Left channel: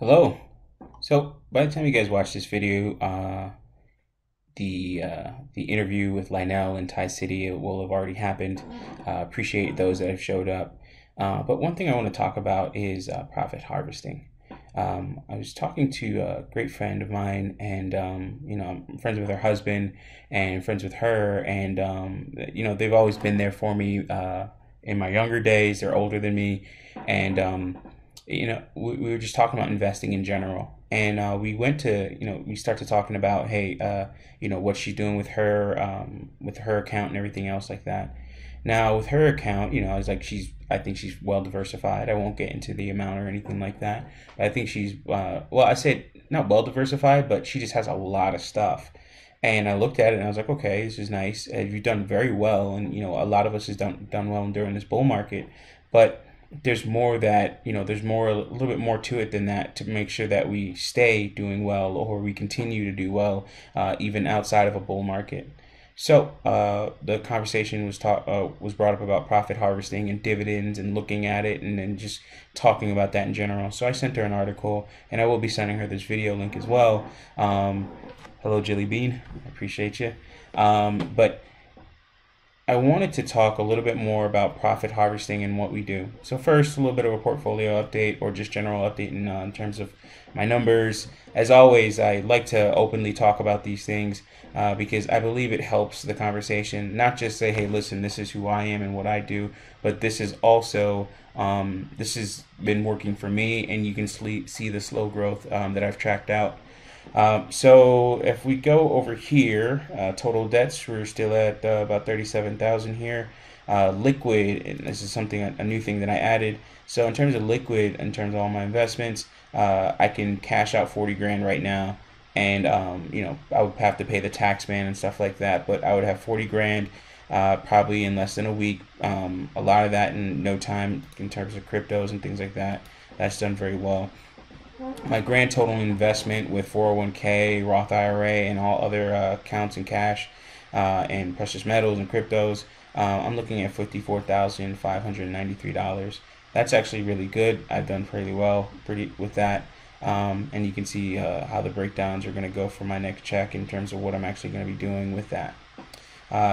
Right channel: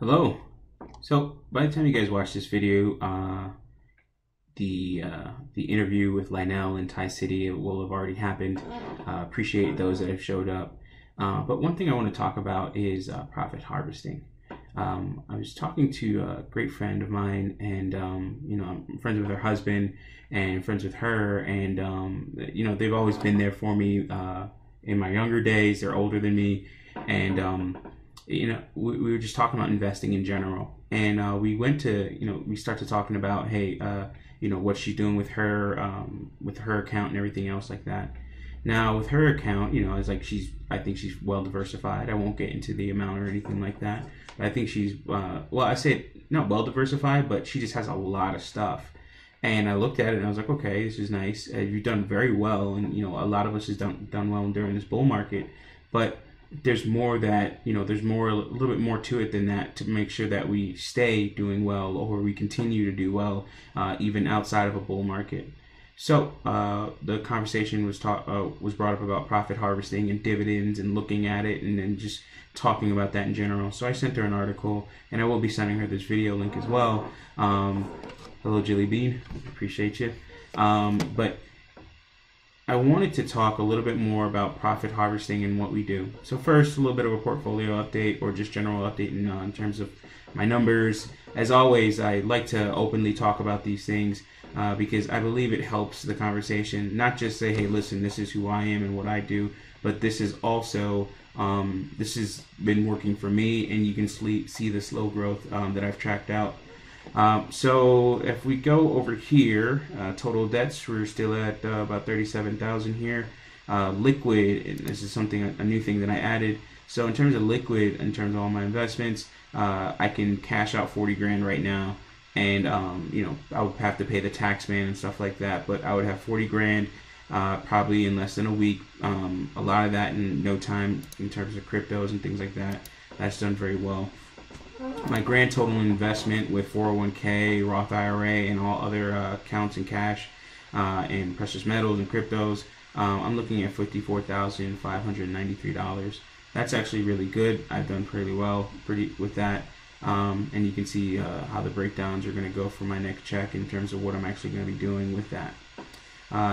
Hello. So by the time you guys watch this video, the interview with Lionel and Thai City will have already happened. Appreciate those that have showed up. But one thing I want to talk about is profit harvesting. I was talking to a great friend of mine, and I'm friends with her husband and friends with her, and they've always been there for me in my younger days. They're older than me, and we were just talking about investing in general, and we started talking about, hey, what she's doing with her account and everything else like that. Now with her account, I was like, I think she's well diversified. I won't get into the amount or anything like that. But I think she's I said not well diversified, but she just has a lot of stuff. And I looked at it and I was like, okay, this is nice. You've done very well, and a lot of us has done well during this bull market, but there's more there's a little bit more to it than that, to make sure that we stay doing well, or we continue to do well even outside of a bull market. So the conversation was brought up about profit harvesting and dividends, and looking at it, and then just talking about that in general. So I sent her an article, and I will be sending her this video link as well. Hello, Jilly Bean, appreciate you. But I wanted to talk a little bit more about profit harvesting and what we do. So first, a little bit of a portfolio update, or just general update in terms of my numbers. As always, I like to openly talk about these things because I believe it helps the conversation. Not just say, hey, listen, this is who I am and what I do, but this is also, this has been working for me, and you can see the slow growth that I've tracked out. So if we go over here, total debts, we're still at about 37,000 here. Liquid, and this is a new thing that I added. So in terms of liquid, in terms of all my investments, I can cash out 40 grand right now, and I would have to pay the tax man and stuff like that, but I would have 40 grand probably in less than a week. A lot of that in no time in terms of cryptos and things like that. That's done very well. My grand total investment with 401k, Roth IRA, and all other accounts in cash and precious metals and cryptos, I'm looking at $54,593. That's actually really good. I've done pretty well with that. And you can see how the breakdowns are going to go for my next check in terms of what I'm actually going to be doing with that.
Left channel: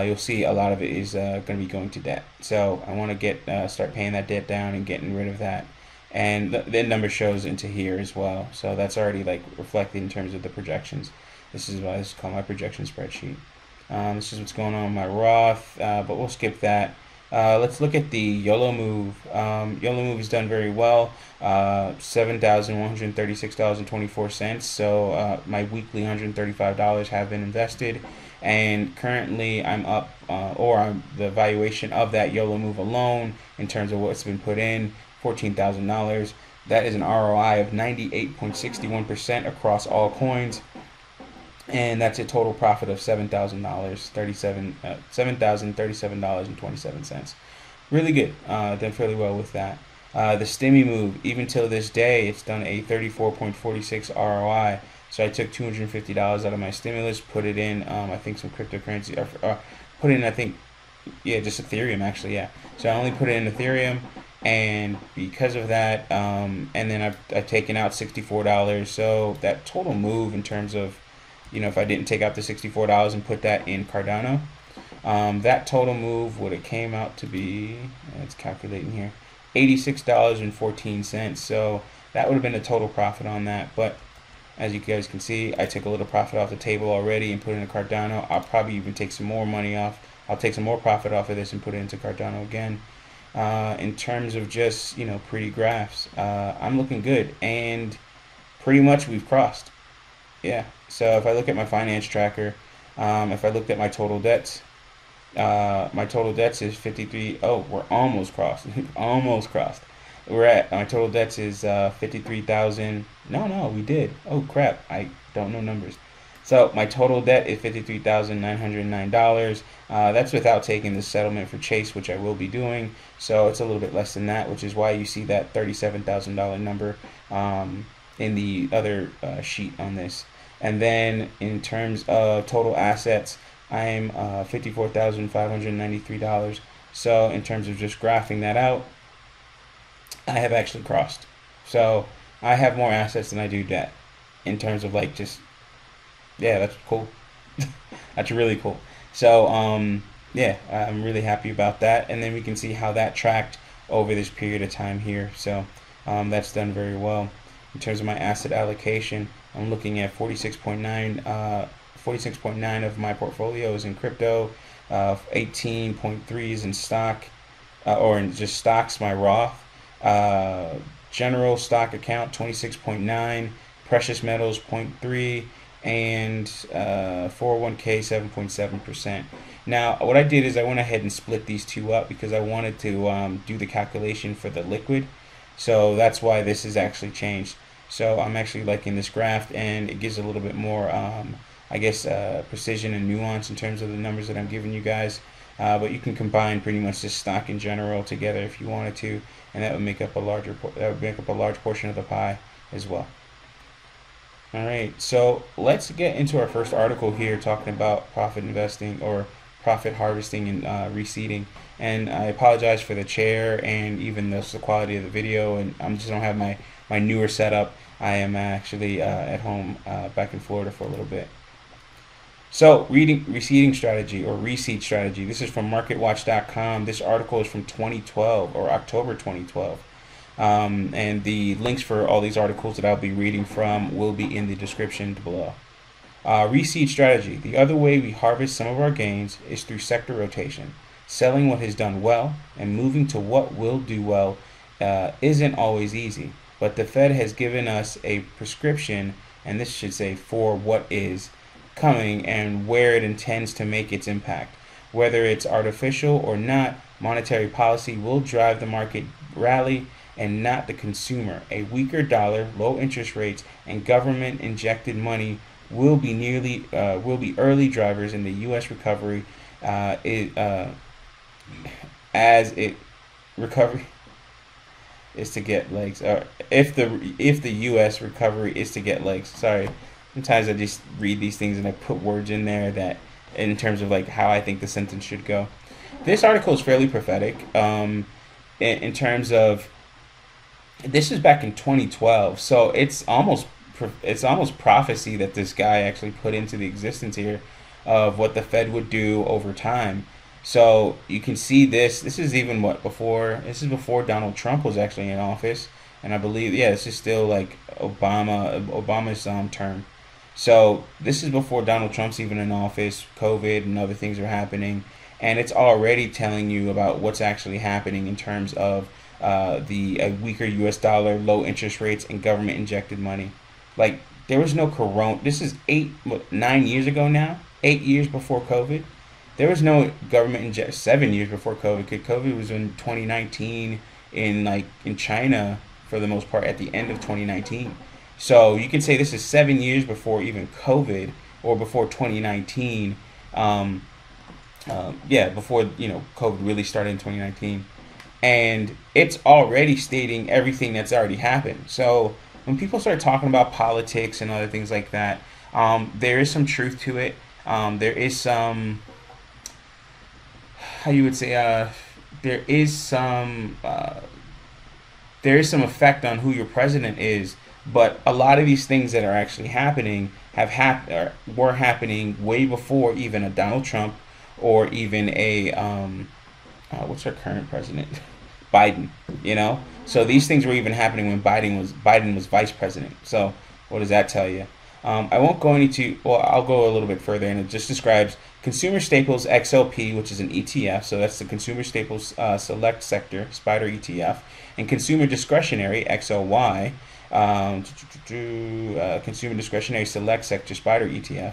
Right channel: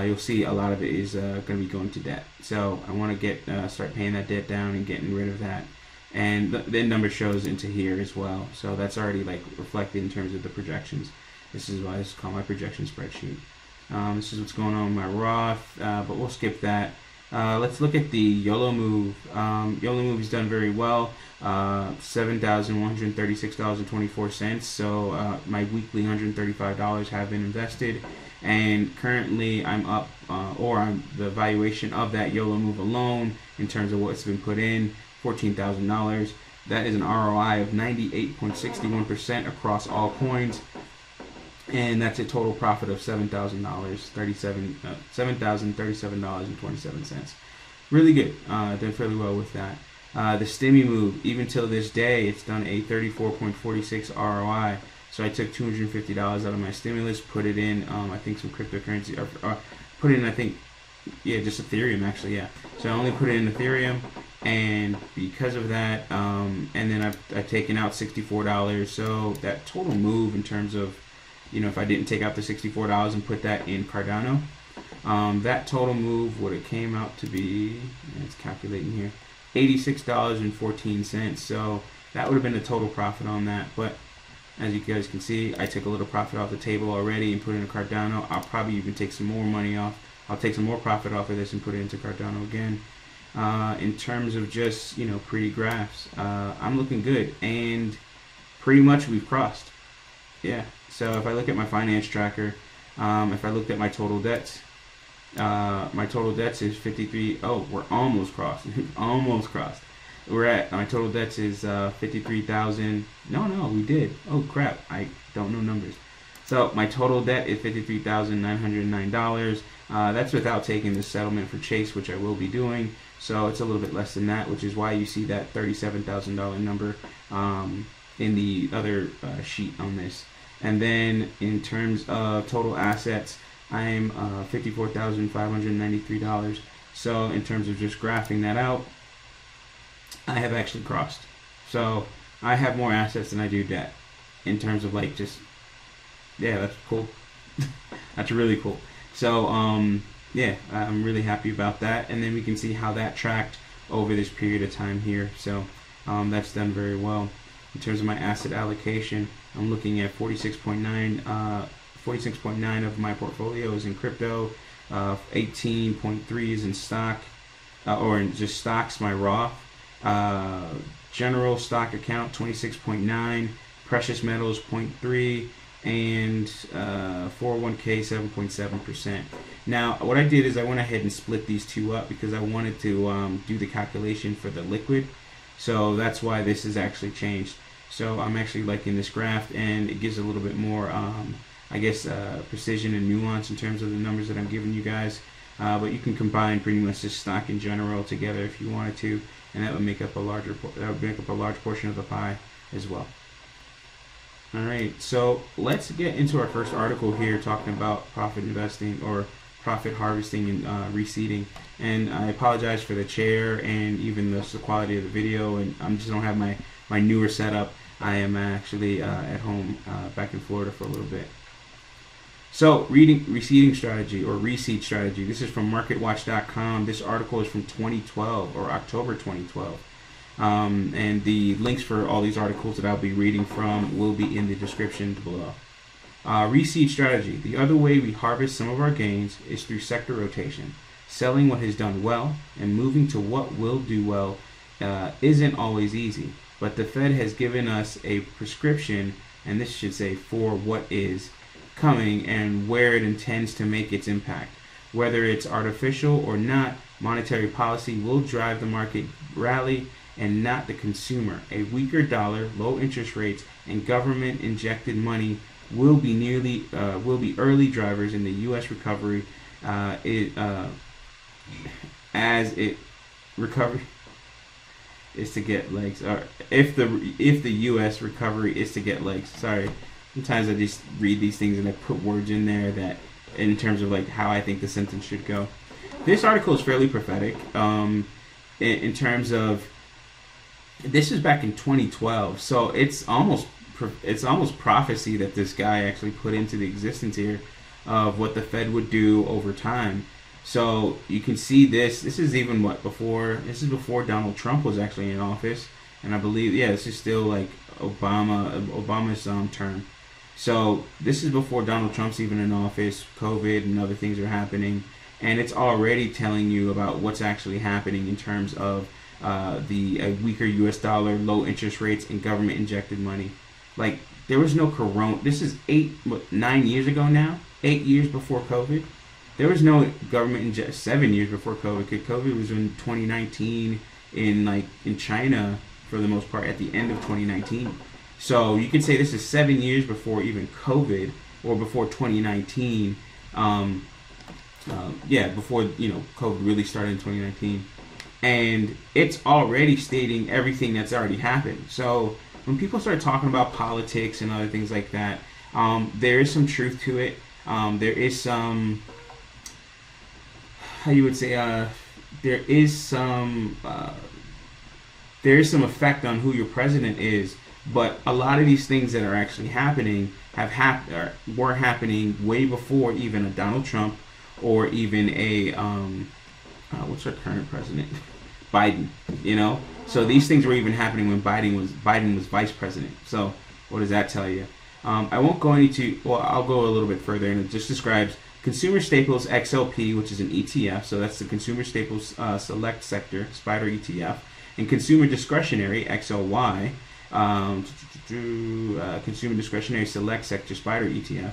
You'll see a lot of it is going to be going to debt. So I want to start paying that debt down and getting rid of that. And the number shows into here as well, so that's already reflected in terms of the projections. This is why it's called my projection spreadsheet. This is what's going on with my Roth, but we'll skip that. Let's look at the YOLO move. YOLO move has done very well. $7,136.24. So my weekly $135 have been invested, and currently I'm up, the valuation of that YOLO move alone in terms of what's been put in, $14,000. That is an ROI of 98.61% across all coins, and that's a total profit of $7,037.27. Really good. Done fairly well with that. The Stimmy move, even till this day, it's done a 34.46 ROI. So I took $250 out of my stimulus, put it in, I think some cryptocurrency, or put it in, I think, just Ethereum actually, yeah. So I only put it in Ethereum, and because of that, and then I've taken out $64. So that total move in terms of, if I didn't take out the $64 and put that in Cardano, that total move would have came out to be, it's calculating here, $86.14. So that would have been the total profit on that. But as you guys can see, I took a little profit off the table already and put it in Cardano. I'll probably even take some more money off. I'll take some more profit off of this and put it into Cardano again. In terms of just, pretty graphs, I'm looking good, and pretty much we've crossed. Yeah. So if I look at my finance tracker, if I looked at my total debts is 53. Oh, we're almost crossed. Almost crossed. My total debts is 53,000. No, we did. Oh crap, I don't know numbers. So my total debt is $53,909. That's without taking the settlement for Chase, which I will be doing. So it's a little bit less than that, which is why you see that $37,000 number in the other sheet on this. And then in terms of total assets, I'm $54,593. So in terms of just graphing that out, I have actually crossed. So I have more assets than I do debt in terms of like just, yeah, that's cool. That's really cool. So yeah, I'm really happy about that. And then we can see how that tracked over this period of time here. So that's done very well. In terms of my asset allocation, I'm looking at 46.9 of my portfolio is in crypto, 18.3 is in stock, or in just stocks, my Roth. General stock account 26.9, precious metals 0.3, and 401k 7.7%. Now, what I did is I went ahead and split these two up because I wanted to do the calculation for the liquid. So that's why this is actually changed. So I'm actually liking this graph, and it gives a little bit more, I guess, precision and nuance in terms of the numbers that I'm giving you guys. But you can combine pretty much this stock in general together if you wanted to, and that would make up a large portion of the pie as well. All right, so let's get into our first article here, talking about profit investing or profit harvesting and reseeding. And I apologize for the chair and even the quality of the video, and I just don't have my newer setup. I am actually at home back in Florida for a little bit. So, reseeding strategy or reseed strategy. This is from MarketWatch.com. This article is from 2012 or October 2012. And the links for all these articles that I'll be reading from will be in the description below. Reseed strategy. The other way we harvest some of our gains is through sector rotation. Selling what has done well and moving to what will do well isn't always easy, but the Fed has given us a prescription, and this should say for what is coming and where it intends to make its impact. Whether it's artificial or not, monetary policy will drive the market rally and not the consumer. A weaker dollar, low interest rates, and government-injected money will be early drivers in the U.S. recovery. As it recovery is to get legs, or if the U.S. recovery is to get legs. Sorry, sometimes I just read these things and I put words in there that, in terms of like how I think the sentence should go. This article is fairly prophetic. In terms of, this is back in 2012, so it's almost prophecy that this guy actually put into the existence here of what the Fed would do over time. So you can see this is even this is before Donald Trump was actually in office, and I believe, yeah, this is still like Obama's term. So this is before Donald Trump's even in office. COVID and other things are happening, and it's already telling you about what's actually happening in terms of a weaker U.S. dollar, low interest rates, and government injected money. Like, there was no corona. This is 9 years ago now. 8 years before COVID. There was no government inject. 7 years before COVID. COVID was in 2019 in China for the most part at the end of 2019. So you can say this is 7 years before even COVID or before 2019. Before COVID really started in 2019, and it's already stating everything that's already happened. So when people start talking about politics and other things like that, there is some truth to it. There is some, how you would say, there is some effect on who your president is. But a lot of these things that are actually happening were happening way before even a Donald Trump or even a what's our current president, Biden. So these things were even happening when Biden was vice president. So what does that tell you? I won't go into. Well, I'll go a little bit further, and it just describes Consumer Staples XLP, which is an ETF. So that's the Consumer Staples Select Sector Spider ETF, and Consumer Discretionary XLY. Consumer Discretionary Select Sector Spider ETF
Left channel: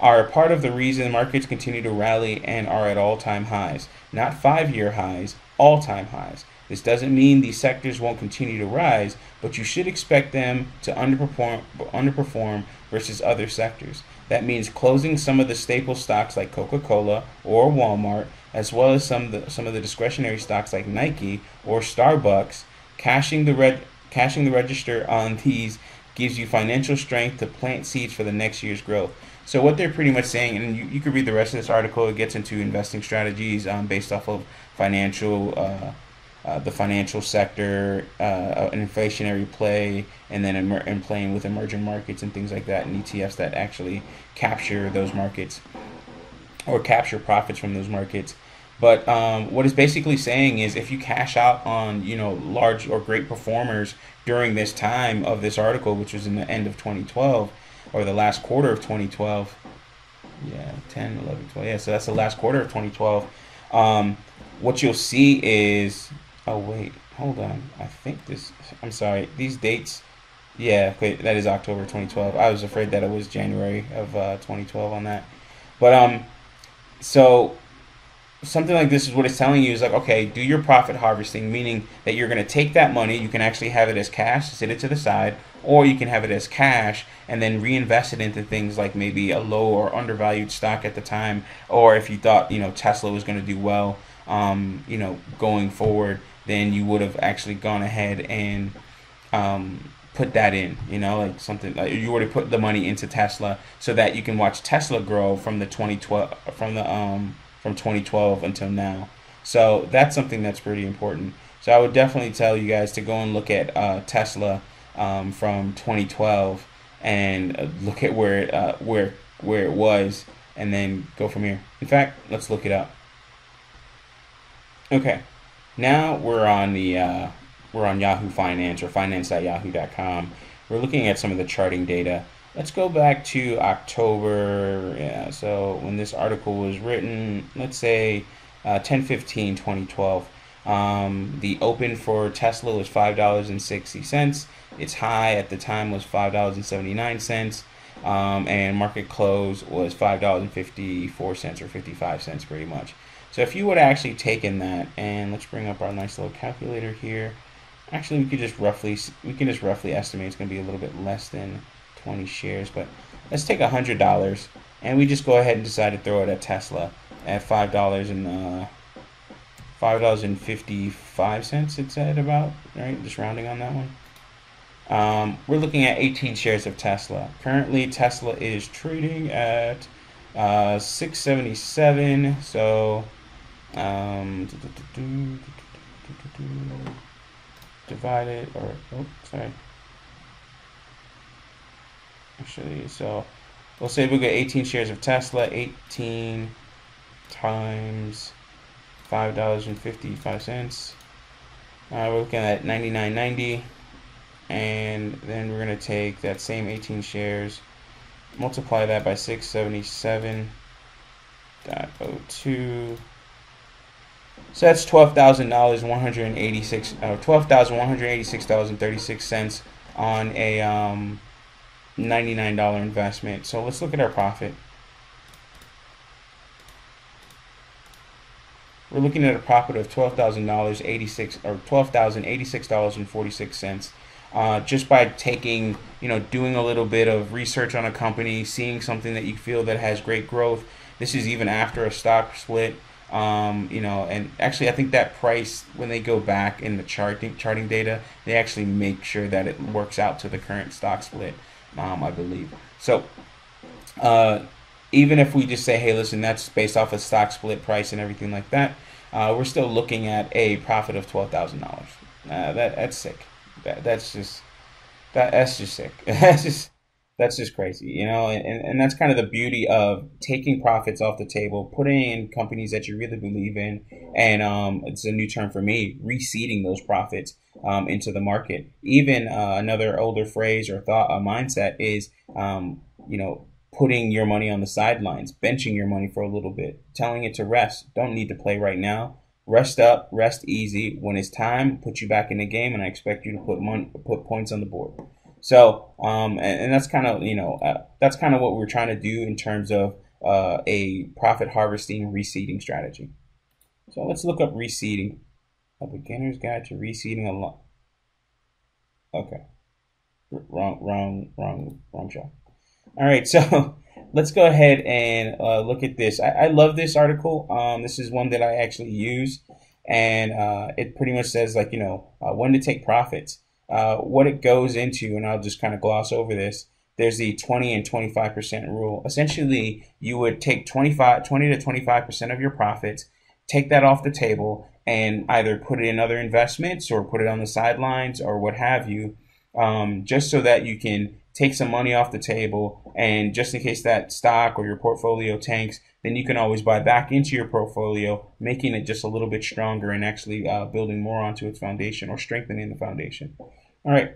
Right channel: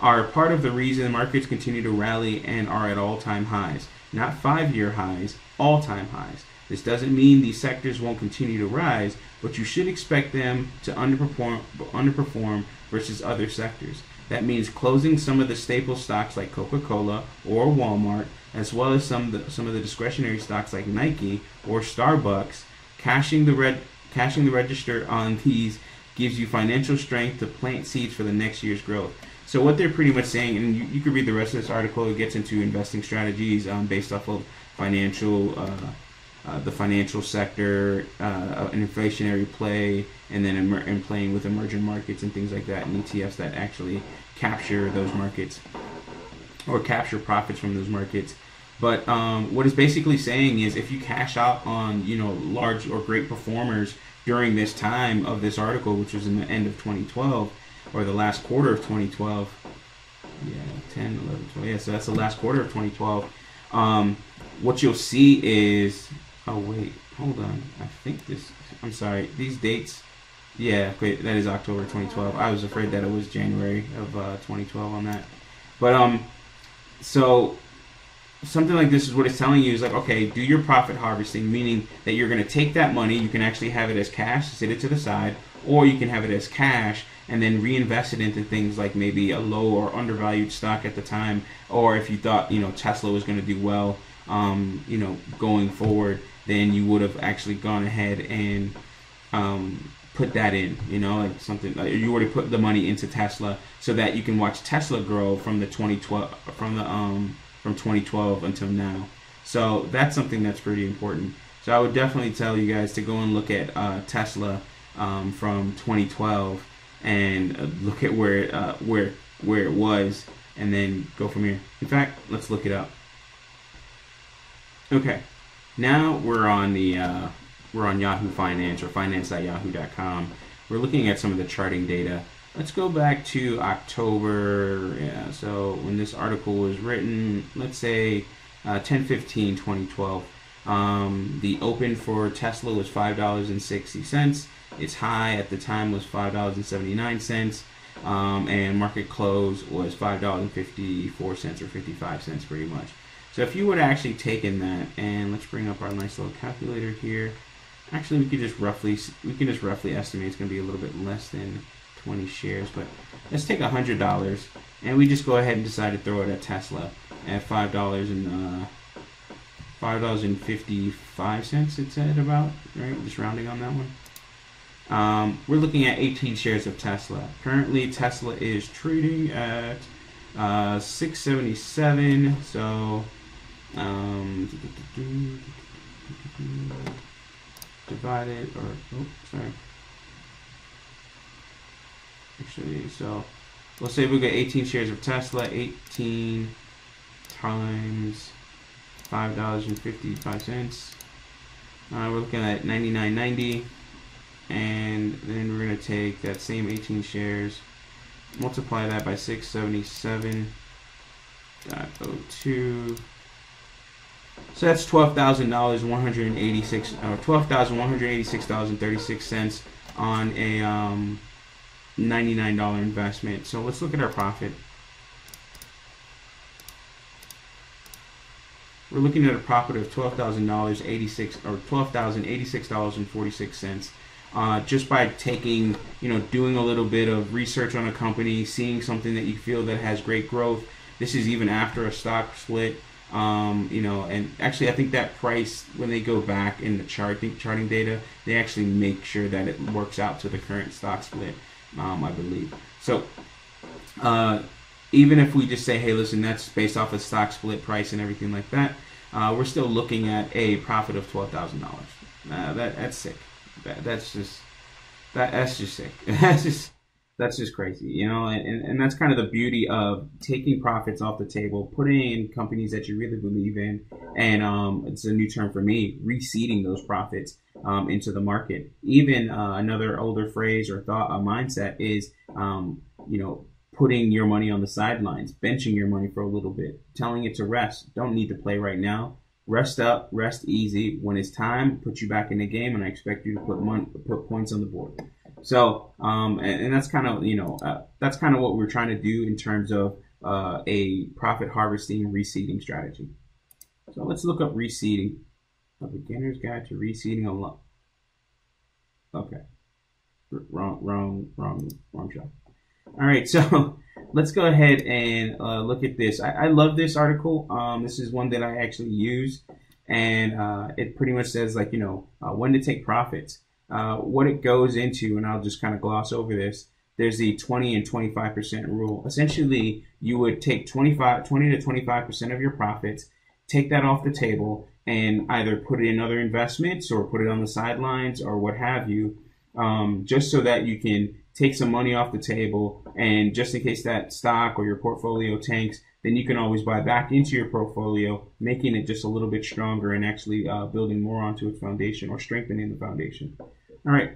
are a part of the reason the markets continue to rally and are at all-time highs. Not 5-year highs, all-time highs. This doesn't mean these sectors won't continue to rise, but you should expect them to underperform versus other sectors. That means closing some of the staple stocks like Coca-Cola or Walmart, as well as some of the discretionary stocks like Nike or Starbucks. Cashing the register on these gives you financial strength to plant seeds for the next year's growth. So what they're pretty much saying, and you could read the rest of this article, it gets into investing strategies based off of financial the financial sector, an inflationary play, and then and playing with emerging markets and things like that, and ETFs that actually capture those markets or capture profits from those markets. But what it's basically saying is, if you cash out on large or great performers during this time of this article, which was in the end of 2012 or the last quarter of 2012, 10, 11, 12, so that's the last quarter of 2012. What you'll see is, oh wait, hold on, I'm sorry, these dates, that is October 2012. I was afraid that it was January of 2012 on that. But so something like this is what it's telling you is like, okay, do your profit harvesting, meaning that you're going to take that money, you can actually have it as cash, sit it to the side, or you can have it as cash and then reinvest it into things like maybe a low or undervalued stock at the time, or if you thought Tesla was going to do well going forward, then you would have actually gone ahead and put that in, like something like you already put the money into Tesla so that you can watch Tesla grow from the 2012 from 2012 until now. So that's something that's pretty important. So I would definitely tell you guys to go and look at Tesla from 2012 and look at where it was, and then go from here. In fact, let's look it up. Okay, now we're on Yahoo Finance, or finance.yahoo.com. We're looking at some of the charting data. Let's go back to October. So when this article was written, let's say 10/15/2012. The open for Tesla was $5.60. Its high at the time was $5.79, and market close was $5.54 or 55 cents, pretty much. So if you would have actually taken that, and let's bring up our nice little calculator here. Actually, we can just roughly estimate it's going to be a little bit less than 20 shares, but let's take $100, and we just go ahead and decide to throw it at Tesla at $5.55. It said about, right? Just rounding on that one. We're looking at 18 shares of Tesla. Currently, Tesla is trading at 677. So divided, or actually, so we'll say we get 18 shares of Tesla. 18 times $5.55. We're looking at $99.90, and then we're going to take that same 18 shares, multiply that by 677.02. So that's $12,186, or $12,186.36 on a $99 investment. So let's look at our profit. We're looking at a profit of $12,086, or $12,086.46. Just by taking, doing a little bit of research on a company, seeing something that you feel that has great growth. This is even after a stock split. And actually I think that price, when they go back in the charting data, they actually make sure that it works out to the current stock split, I believe. So even if we just say, hey, listen, that's based off a stock split price and everything like that, we're still looking at a profit of $12,000. That's sick. That's just sick. That's just crazy, and that's kind of the beauty of taking profits off the table, putting in companies that you really believe in, and it's a new term for me, reseeding those profits into the market. Even another older phrase or thought, a mindset is, putting your money on the sidelines, benching your money for a little bit, telling it to rest. Don't need to play right now. Rest up, rest easy. When it's time, put you back in the game, and I expect you to put points on the board. So, and that's kind of, that's kind of what we're trying to do in terms of a profit harvesting reseeding strategy. So let's look up reseeding. A beginner's guide to reseeding a lot. Okay, wrong shot. All right, so let's go ahead and look at this. I love this article. This is one that I actually use, and it pretty much says, like, when to take profits. What it goes into, and I'll just kind of gloss over this. There's the 20 and 25% rule. Essentially, you would take 20 to 25% of your profits, take that off the table, and either put it in other investments or put it on the sidelines or what have you, just so that you can take some money off the table, and just in case that stock or your portfolio tanks, then you can always buy back into your portfolio, making it just a little bit stronger and actually building more onto its foundation or strengthening the foundation. All right.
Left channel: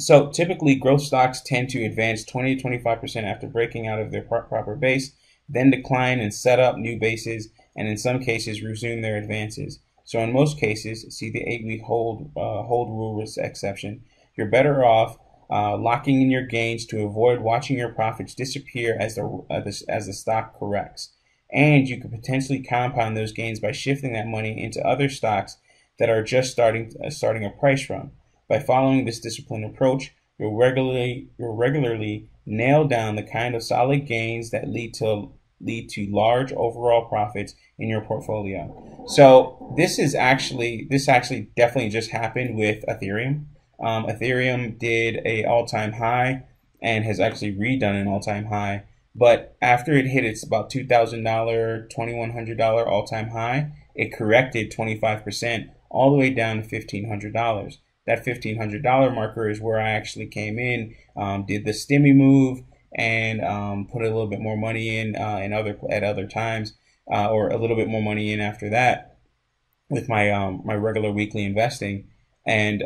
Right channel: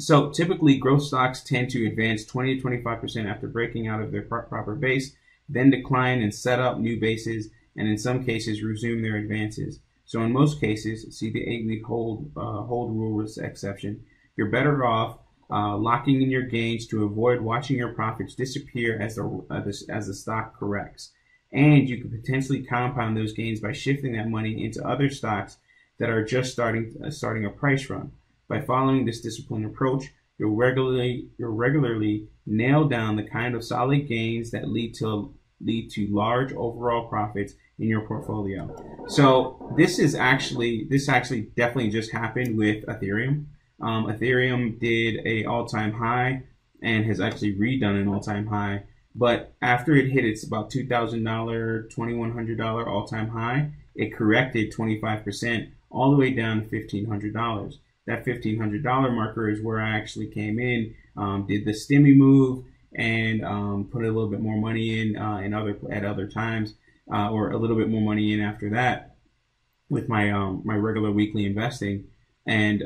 So typically growth stocks tend to advance 20 to 25% after breaking out of their proper base, then decline and set up new bases, and in some cases resume their advances. So in most cases, see the 8-week hold rule exception, you're better off locking in your gains to avoid watching your profits disappear as the stock corrects. And you could potentially compound those gains by shifting that money into other stocks that are just starting a price run. By following this disciplined approach, you'll regularly nail down the kind of solid gains that lead to large overall profits in your portfolio. So this actually definitely just happened with Ethereum. Ethereum did an all-time high and has actually redone an all-time high. But after it hit its about $2,000, $2,100 all-time high, it corrected 25% all the way down to $1,500. That $1,500 marker is where I actually came in, did the stimmy move, and put a little bit more money in at other times, or a little bit more money in after that with my my regular weekly investing, and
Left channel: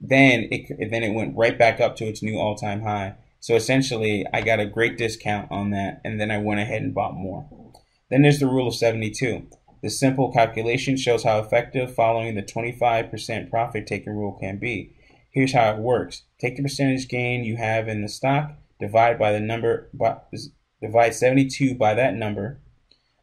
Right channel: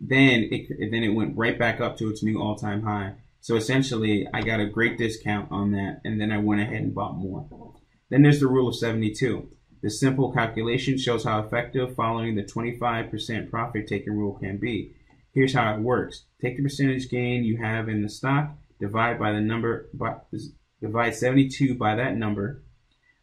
then it went right back up to its new all-time high. So essentially, I got a great discount on that, and then I went ahead and bought more. Then there's the rule of 72. This simple calculation shows how effective following the 25% profit taking rule can be. Here's how it works. Take the percentage gain you have in the stock, divide 72 by that number.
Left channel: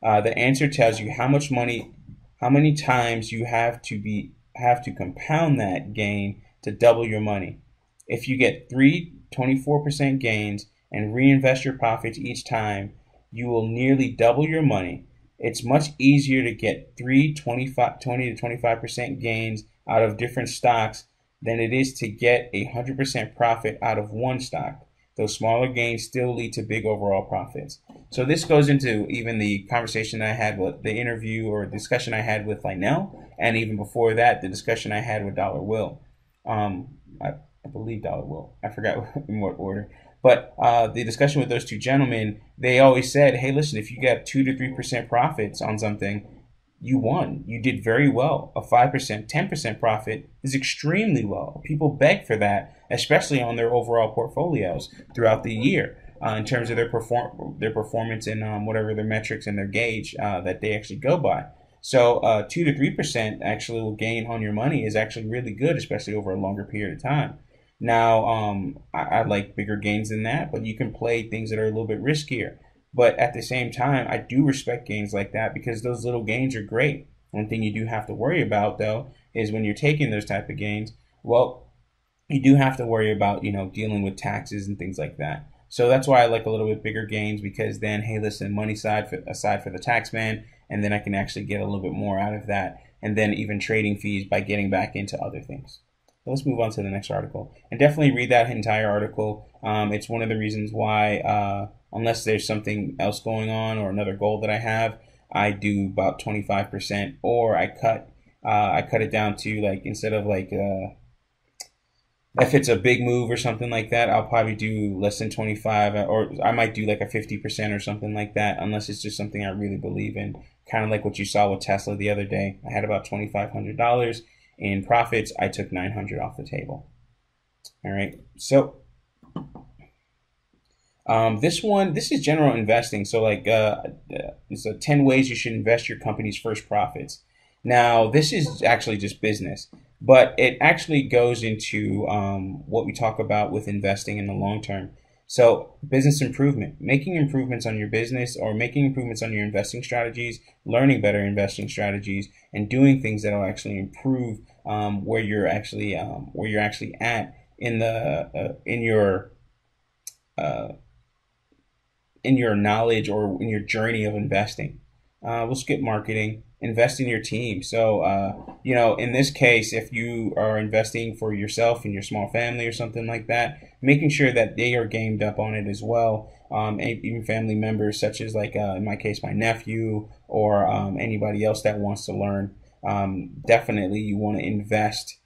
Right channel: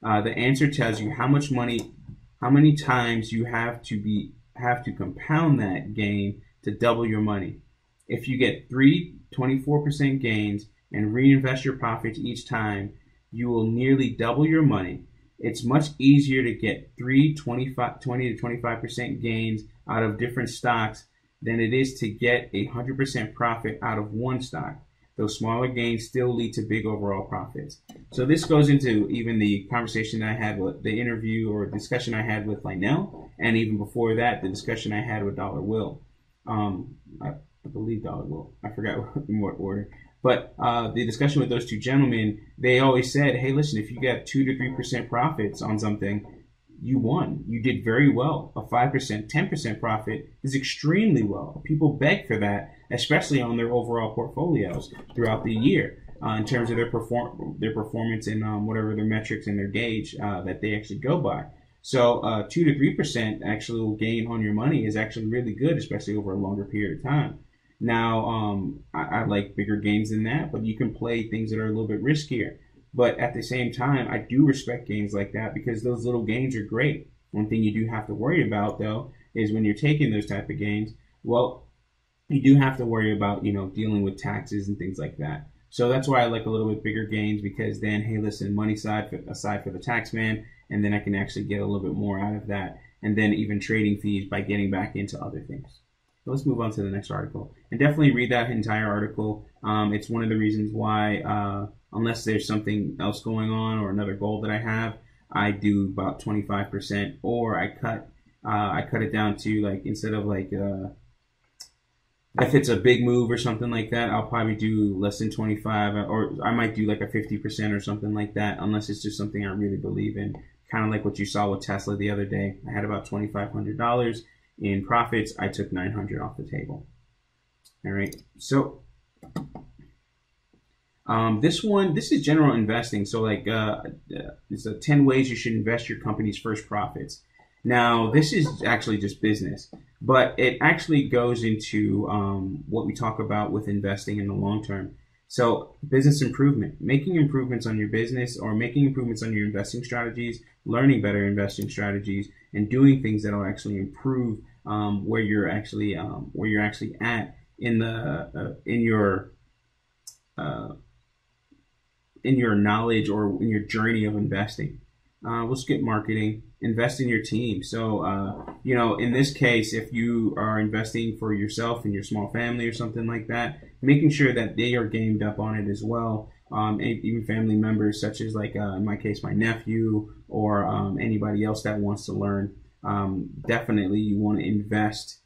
The answer tells you how many times you have to compound that gain to double your money. If you get 3 24% gains and reinvest your profits each time, you will nearly double your money. It's much easier to get 20 to 25% gains out of different stocks than it is to get 100% profit out of one stock. Those smaller gains still lead to big overall profits. So this goes into even the conversation I had with the interview or discussion I had with Lionel, and even before that, the discussion I had with Dollar Will. I believe Dollar Will. I forgot in what order. But the discussion with those two gentlemen, they always said, hey, listen, if you got 2 to 3% profits on something, you won. You did very well. A 5%, 10% profit is extremely well. People beg for that, especially on their overall portfolios throughout the year in terms of their performance in whatever their metrics and their gauge that they actually go by. So 2 to 3% actual gain on your money is actually really good, especially over a longer period of time. Now, I like bigger gains than that, but you can play things that are a little bit riskier. But at the same time, I do respect gains like that because those little gains are great. One thing you do have to worry about, though, is when you're taking those type of gains, well, you do have to worry about, dealing with taxes and things like that. So that's why I like a little bit bigger gains, because then, hey, listen, money aside for the tax man, and then I can actually get a little bit more out of that. And then even trading fees by getting back into other things. So let's move on to the next article. And definitely read that entire article. It's one of the reasons why, unless there's something else going on or another goal that I have, I do about 25%, or I cut it down to, like, instead of like if it's a big move or something like that, I'll probably do less than 25, or I might do like a 50% or something like that, unless it's just something I really believe in. Kind of like what you saw with Tesla the other day. I had about $2,500 in profits. I took $900 off the table. All right, so this is general investing. So like it's 10 ways you should invest your company's first profits. Now this is actually just business, but it actually goes into what we talk about with investing in the long term. So business improvement, making improvements on your business or making improvements on your investing strategies, learning better investing strategies, and doing things that will actually improve where you're actually at in the in your knowledge or in your journey of investing. We'll skip marketing. Invest in your team. So, in this case, if you are investing for yourself and your small family or something like that, making sure that they are gamed up on it as well. And even family members such as, like, in my case, my nephew or anybody else that wants to learn. definitely you want to invest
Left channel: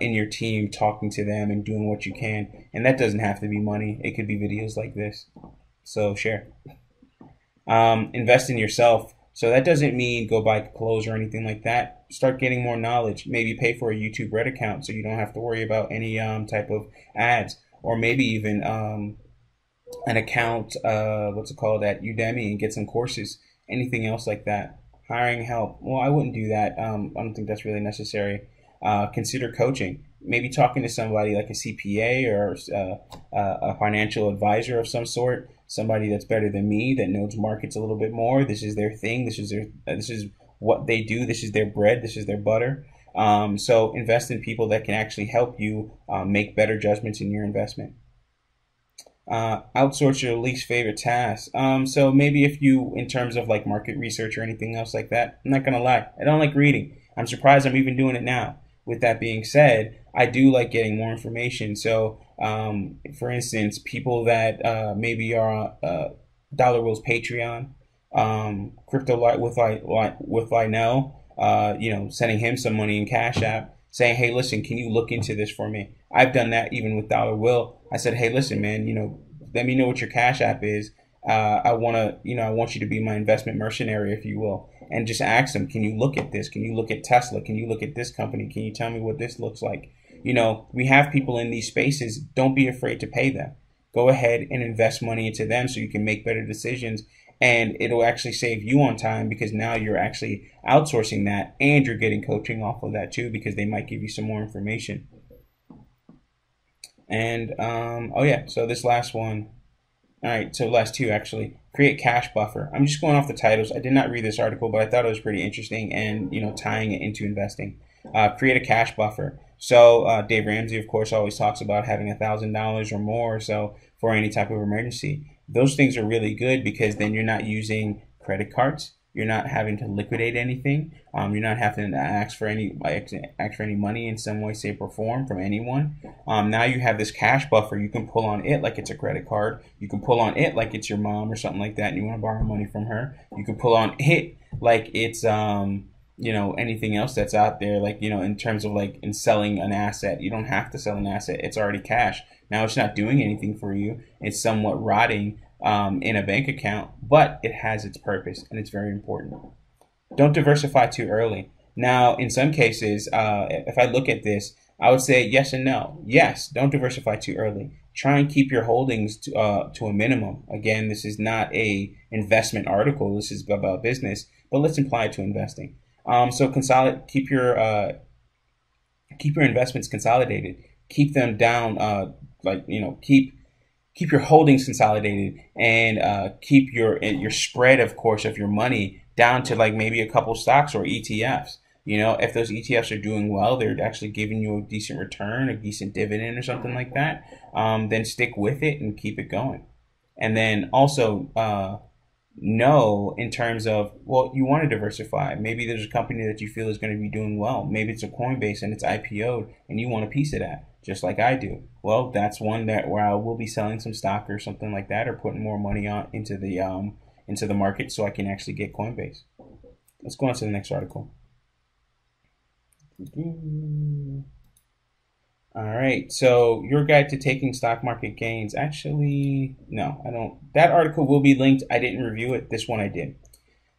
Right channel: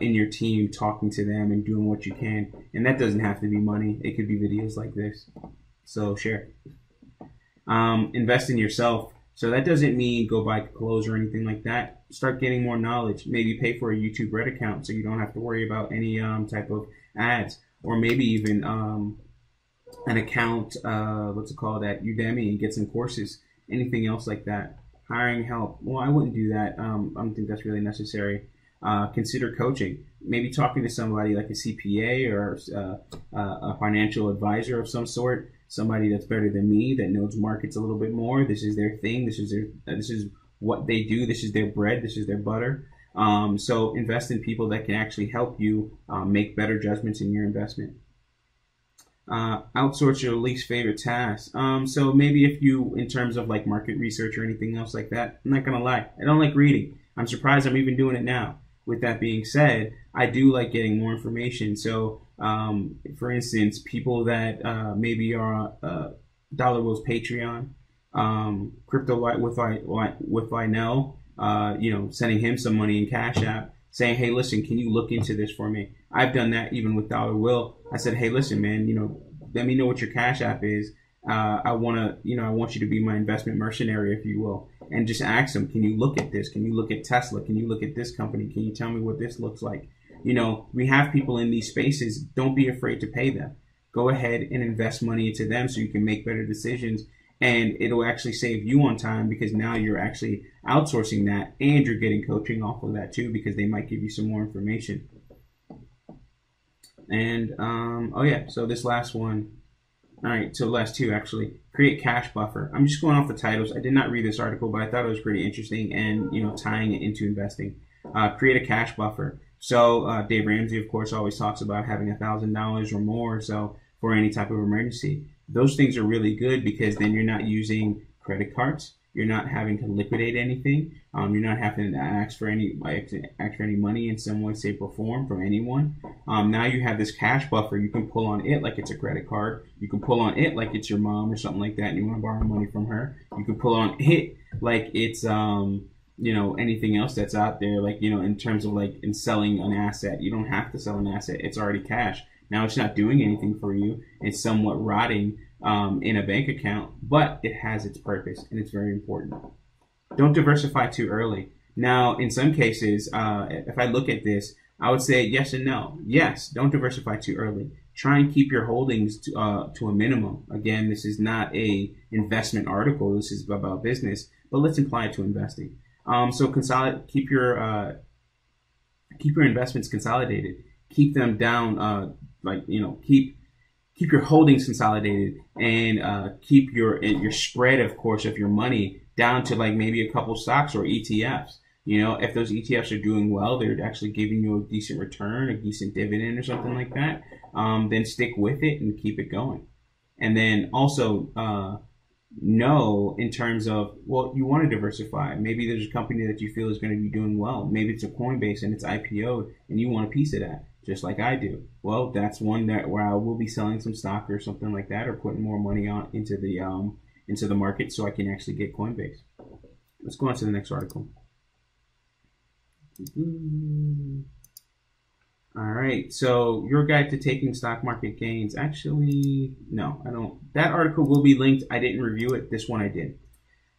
in your team, talking to them and doing what you can. And that doesn't have to be money. It could be videos like this. So share. Invest in yourself. So that doesn't mean go buy clothes or anything like that. Start getting more knowledge. Maybe pay for a YouTube Red account so you don't have to worry about any type of ads, or maybe even an account, what's it called, at Udemy, and get some courses. Anything else like that. Hiring help. Well, I wouldn't do that. I don't think that's really necessary. Consider coaching. Maybe talking to somebody like a CPA or a financial advisor of some sort. Somebody that's better than me, that knows markets a little bit more. This is their thing. This is what they do. This is their bread. This is their butter. So invest in people that can actually help you make better judgments in your investment. Outsource your least favorite task. So maybe if you, in terms of like market research or anything else like that, I'm not gonna lie, I don't like reading. I'm surprised I'm even doing it now. With that being said, I do like getting more information. So, for instance, people that maybe are Dollar Will's Patreon, Crypto Light with Lionel, sending him some money in Cash App, saying, hey, listen, can you look into this for me? I've done that even with Dollar Will. I said, hey, listen, man, let me know what your Cash App is. I want you to be my investment mercenary, if you will, and just ask them, can you look at this? Can you look at Tesla? Can you look at this company? Can you tell me what this looks like? We have people in these spaces. Don't be afraid to pay them. Go ahead and invest money into them so you can make better decisions, and it'll actually save you on time, because now you're actually outsourcing that, and you're getting coaching off of that too, because they might give you some more information. And so this last one. All right, so last two actually. Create cash buffer. I'm just going off the titles. I did not read this article, but I thought it was pretty interesting, and tying it into investing. Create a cash buffer. So Dave Ramsey, of course, always talks about having $1,000 or more or so for any type of emergency. Those things are really good, because then you're not using credit cards. You're not having to liquidate anything. You're not having to ask for any money in some way, shape, or form from anyone. Now you have this cash buffer. You can pull on it like it's a credit card. You can pull on it like it's your mom or something like that, and you want to borrow money from her. You can pull on it like it's anything else that's out there, like in terms of like in selling an asset. You don't have to sell an asset. It's already cash. Now it's not doing anything for you. It's somewhat rotting in a bank account, but it has its purpose, and it's very important. Don't diversify too early. Now, in some cases, if I look at this, I would say yes and no. Yes, don't diversify too early. Try and keep your holdings to a minimum. Again, this is not a investment article. This is about business, but let's apply it to investing. So keep your investments consolidated. Keep them down. Keep your holdings consolidated, and keep your spread, of course, of your money down to like maybe a couple stocks or ETFs. If those ETFs are doing well, they're actually giving you a decent return, a decent dividend or something like that, then stick with it and keep it going. And then also know in terms of, well, you want to diversify. Maybe there's a company that you feel is going to be doing well. Maybe it's a Coinbase and it's IPO'd and you want a piece of that, just like I do. Well, that's one where I will be selling some stock or something like that, or putting more money into the market so I can actually get Coinbase. Let's go on to the next article. All right, so your guide to taking stock market gains. Actually, no, I don't. That article will be linked. I didn't review it. This one I did.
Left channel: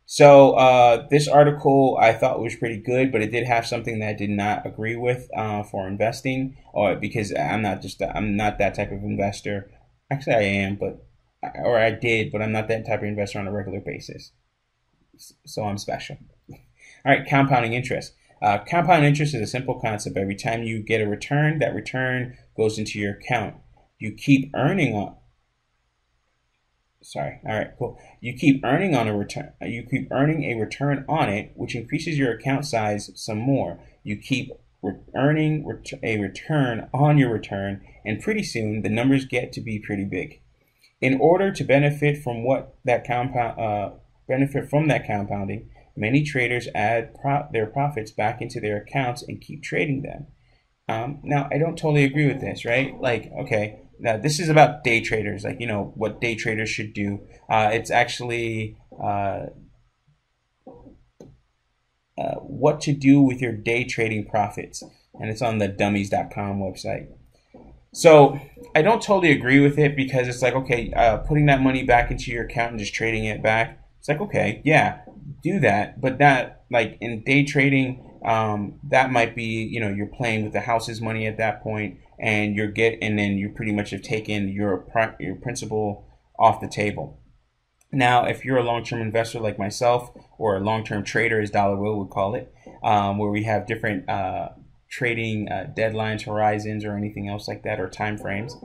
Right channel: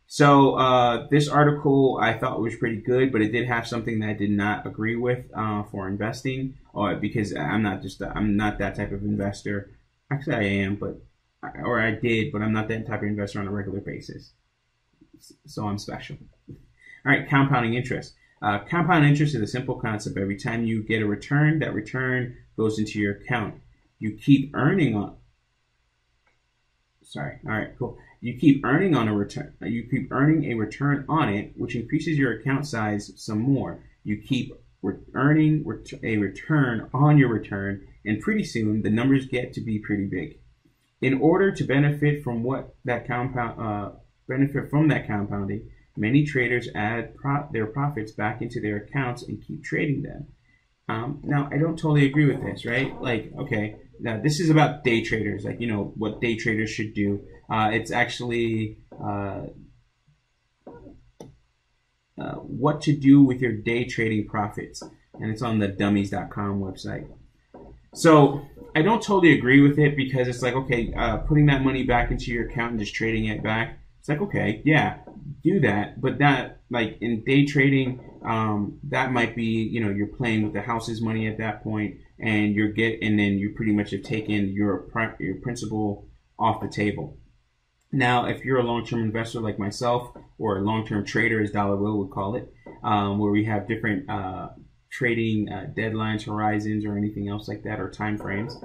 So this article I thought was pretty good, but it did have something that I did not agree with for investing, or because I'm not that type of investor. Actually, I am, or I did, but I'm not that type of investor on a regular basis. So I'm special. All right, compounding interest. Compound interest is a simple concept. Every time you get a return, that return goes into your account. You keep earning on. Sorry. All right, cool. You keep earning on a return. You keep earning a return on it, which increases your account size some more. You keep earning a return on your return, and pretty soon the numbers get to be pretty big. In order to benefit from that compounding, many traders add their profits back into their accounts and keep trading them. Now, I don't totally agree with this, right? Like, okay, now this is about day traders, like, what day traders should do. It's actually, what to do with your day trading profits, and it's on the dummies.com website. So I don't totally agree with it, because it's like, okay, putting that money back into your account and just trading it back, it's like, okay, yeah, do that, but that, like, in day trading, that might be, you're playing with the house's money at that point, and then you pretty much have taken your principal off the table. Now, if you're a long-term investor like myself, or a long-term trader, as Dollar Will would call it, where we have different trading deadlines, horizons, or anything else like that, or time frames,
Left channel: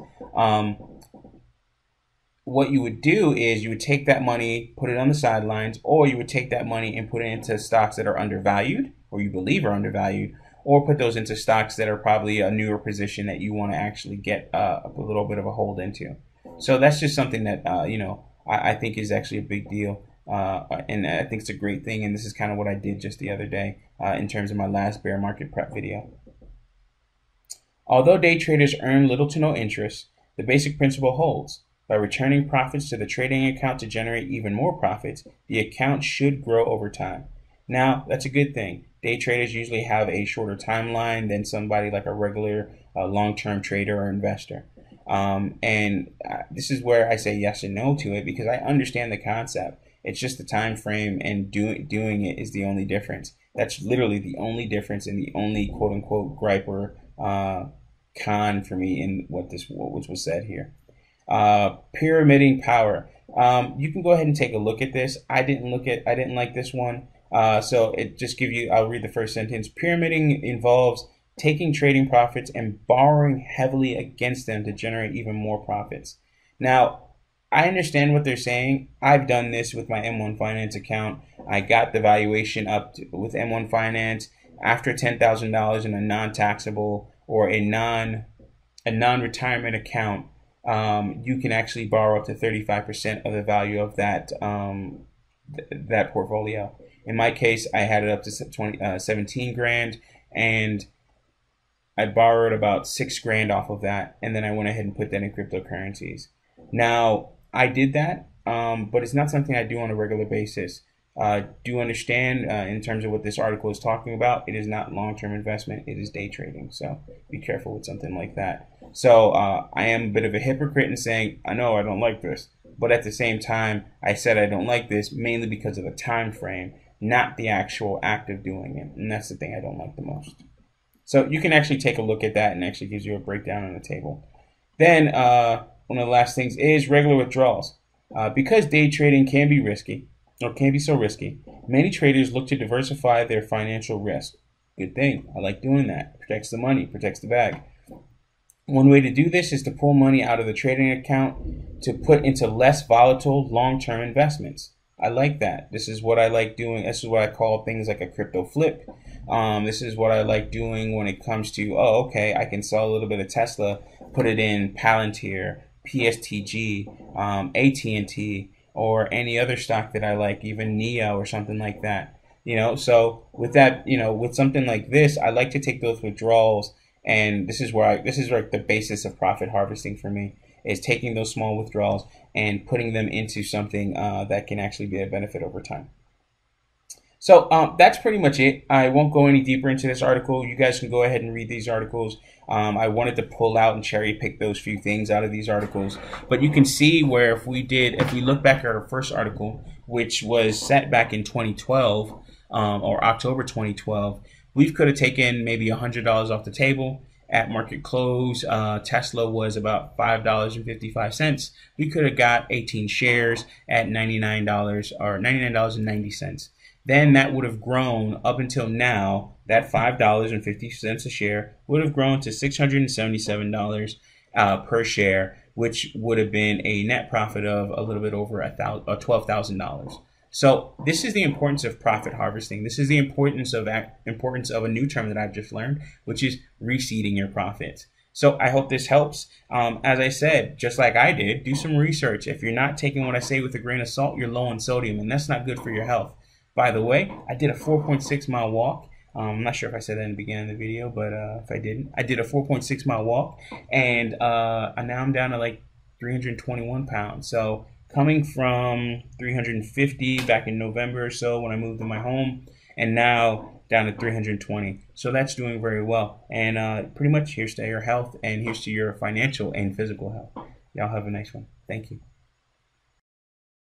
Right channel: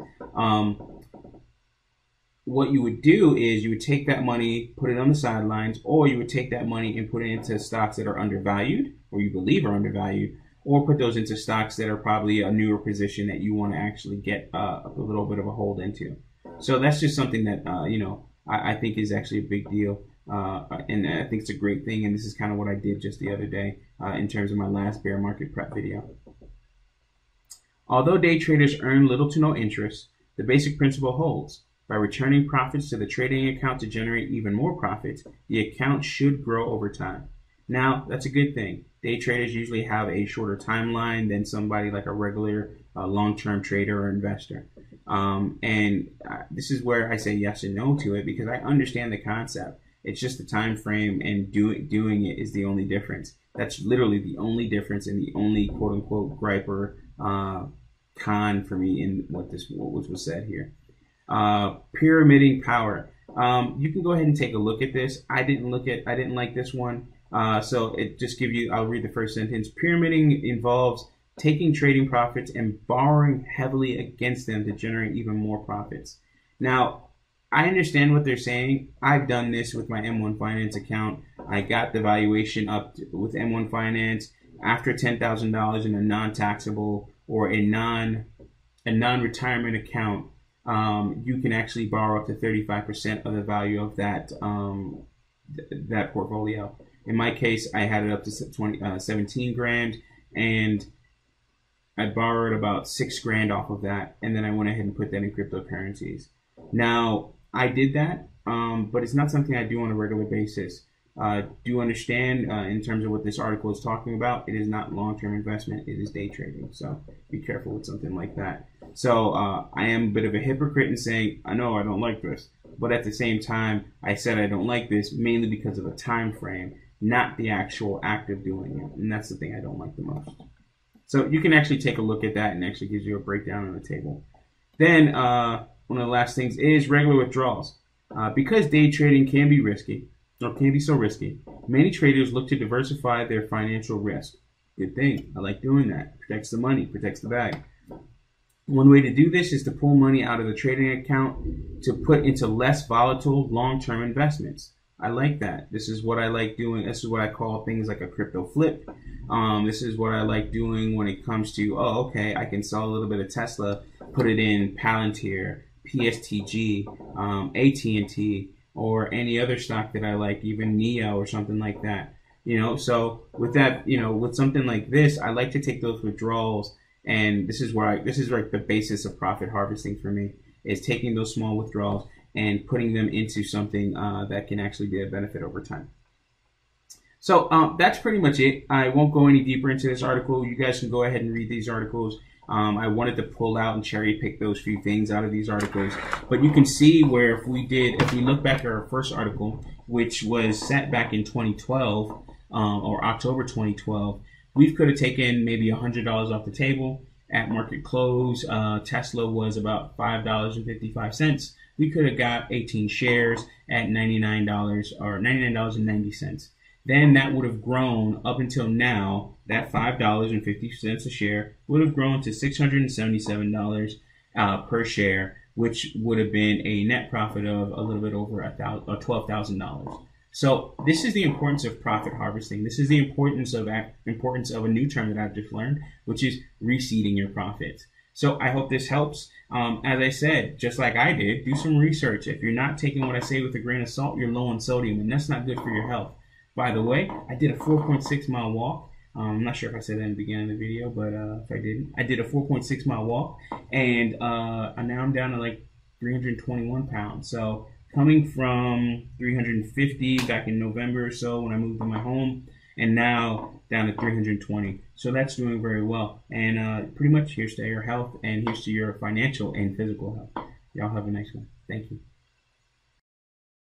what you would do is you would take that money, put it on the sidelines, or you would take that money and put it into stocks that are undervalued, or you believe are undervalued, or put those into stocks that are probably a newer position that you want to actually get a little bit of a hold into. So that's just something that I think is actually a big deal, and I think it's a great thing. And this is kind of what I did just the other day in terms of my last bear market prep video. Although day traders earn little to no interest, the basic principle holds. By returning profits to the trading account to generate even more profits, the account should grow over time. Now, that's a good thing. Day traders usually have a shorter timeline than somebody like a regular long-term trader or investor. This is where I say yes and no to it, because I understand the concept. It's just the time frame, and doing it is the only difference. That's literally the only difference, and the only quote-unquote gripe or con for me in what was said here. Pyramiding power. You can go ahead and take a look at this. I didn't like this one. So it just gives you, I'll read the first sentence. Pyramiding involves taking trading profits and borrowing heavily against them to generate even more profits. Now, I understand what they're saying. I've done this with my M1 Finance account. I got the valuation up with M1 Finance after $10,000 in a non-taxable or a non-retirement account. You can actually borrow up to 35% of the value of that that portfolio. In my case, I had it up to 17 grand, and I borrowed about 6 grand off of that, and then I went ahead and put that in cryptocurrencies. Now, I did that, but it's not something I do on a regular basis. Do understand in terms of what this article is talking about, it is not long-term investment, it is day trading. So be careful with something like that. So I am a bit of a hypocrite in saying, I know I don't like this, but at the same time, I said I don't like this mainly because of the time frame, not the actual act of doing it. And that's the thing I don't like the most. So you can actually take a look at that, and actually gives you a breakdown on the table. Then one of the last things is regular withdrawals. Because day trading can be risky, or can be so risky, many traders look to diversify their financial risk. Good thing. I like doing that. Protects the money, protects the bag. One way to do this is to pull money out of the trading account to put into less volatile long-term investments. I like that. This is what I like doing. This is what I call things like a crypto flip. This is what I like doing when it comes to, okay, I can sell a little bit of Tesla, put it in Palantir, PSTG, AT&T, or any other stock that I like, even NEO or something like that. So with that, with something like this, I like to take those withdrawals, and this is like the basis of profit harvesting for me, is taking those small withdrawals and putting them into something that can actually be a benefit over time. So that's pretty much it. I won't go any deeper into this article. You guys can go ahead and read these articles. I wanted to pull out and cherry pick those few things out of these articles. But you can see where if we look back at our first article, which was set back in 2012, or October 2012, we could have taken maybe $100 off the table. At market close, Tesla was about $5.55. We could have got 18 shares at $99 or $99.90. Then that would have grown up until now. That $5.50 a share would have grown to $677 per share, which would have been a net profit of a little bit over $12,000. So this is the importance of profit harvesting. This is the importance of a new term that I've just learned, which is reseeding your profits. So I hope this helps. As I said, just like I did, do some research. If you're not taking what I say with a grain of salt, you're low in sodium, and that's not good for your health. By the way, I did a 4.6 mile walk. I'm not sure if I said that in the beginning of the video, but if I didn't, I did a 4.6 mile walk, and now I'm down to like 321 pounds. So coming from 350 back in November or so when I moved to my home, and now down to 320. So that's doing very well. And pretty much here's to your health, and here's to your financial and physical health. Y'all have a nice one. Thank you.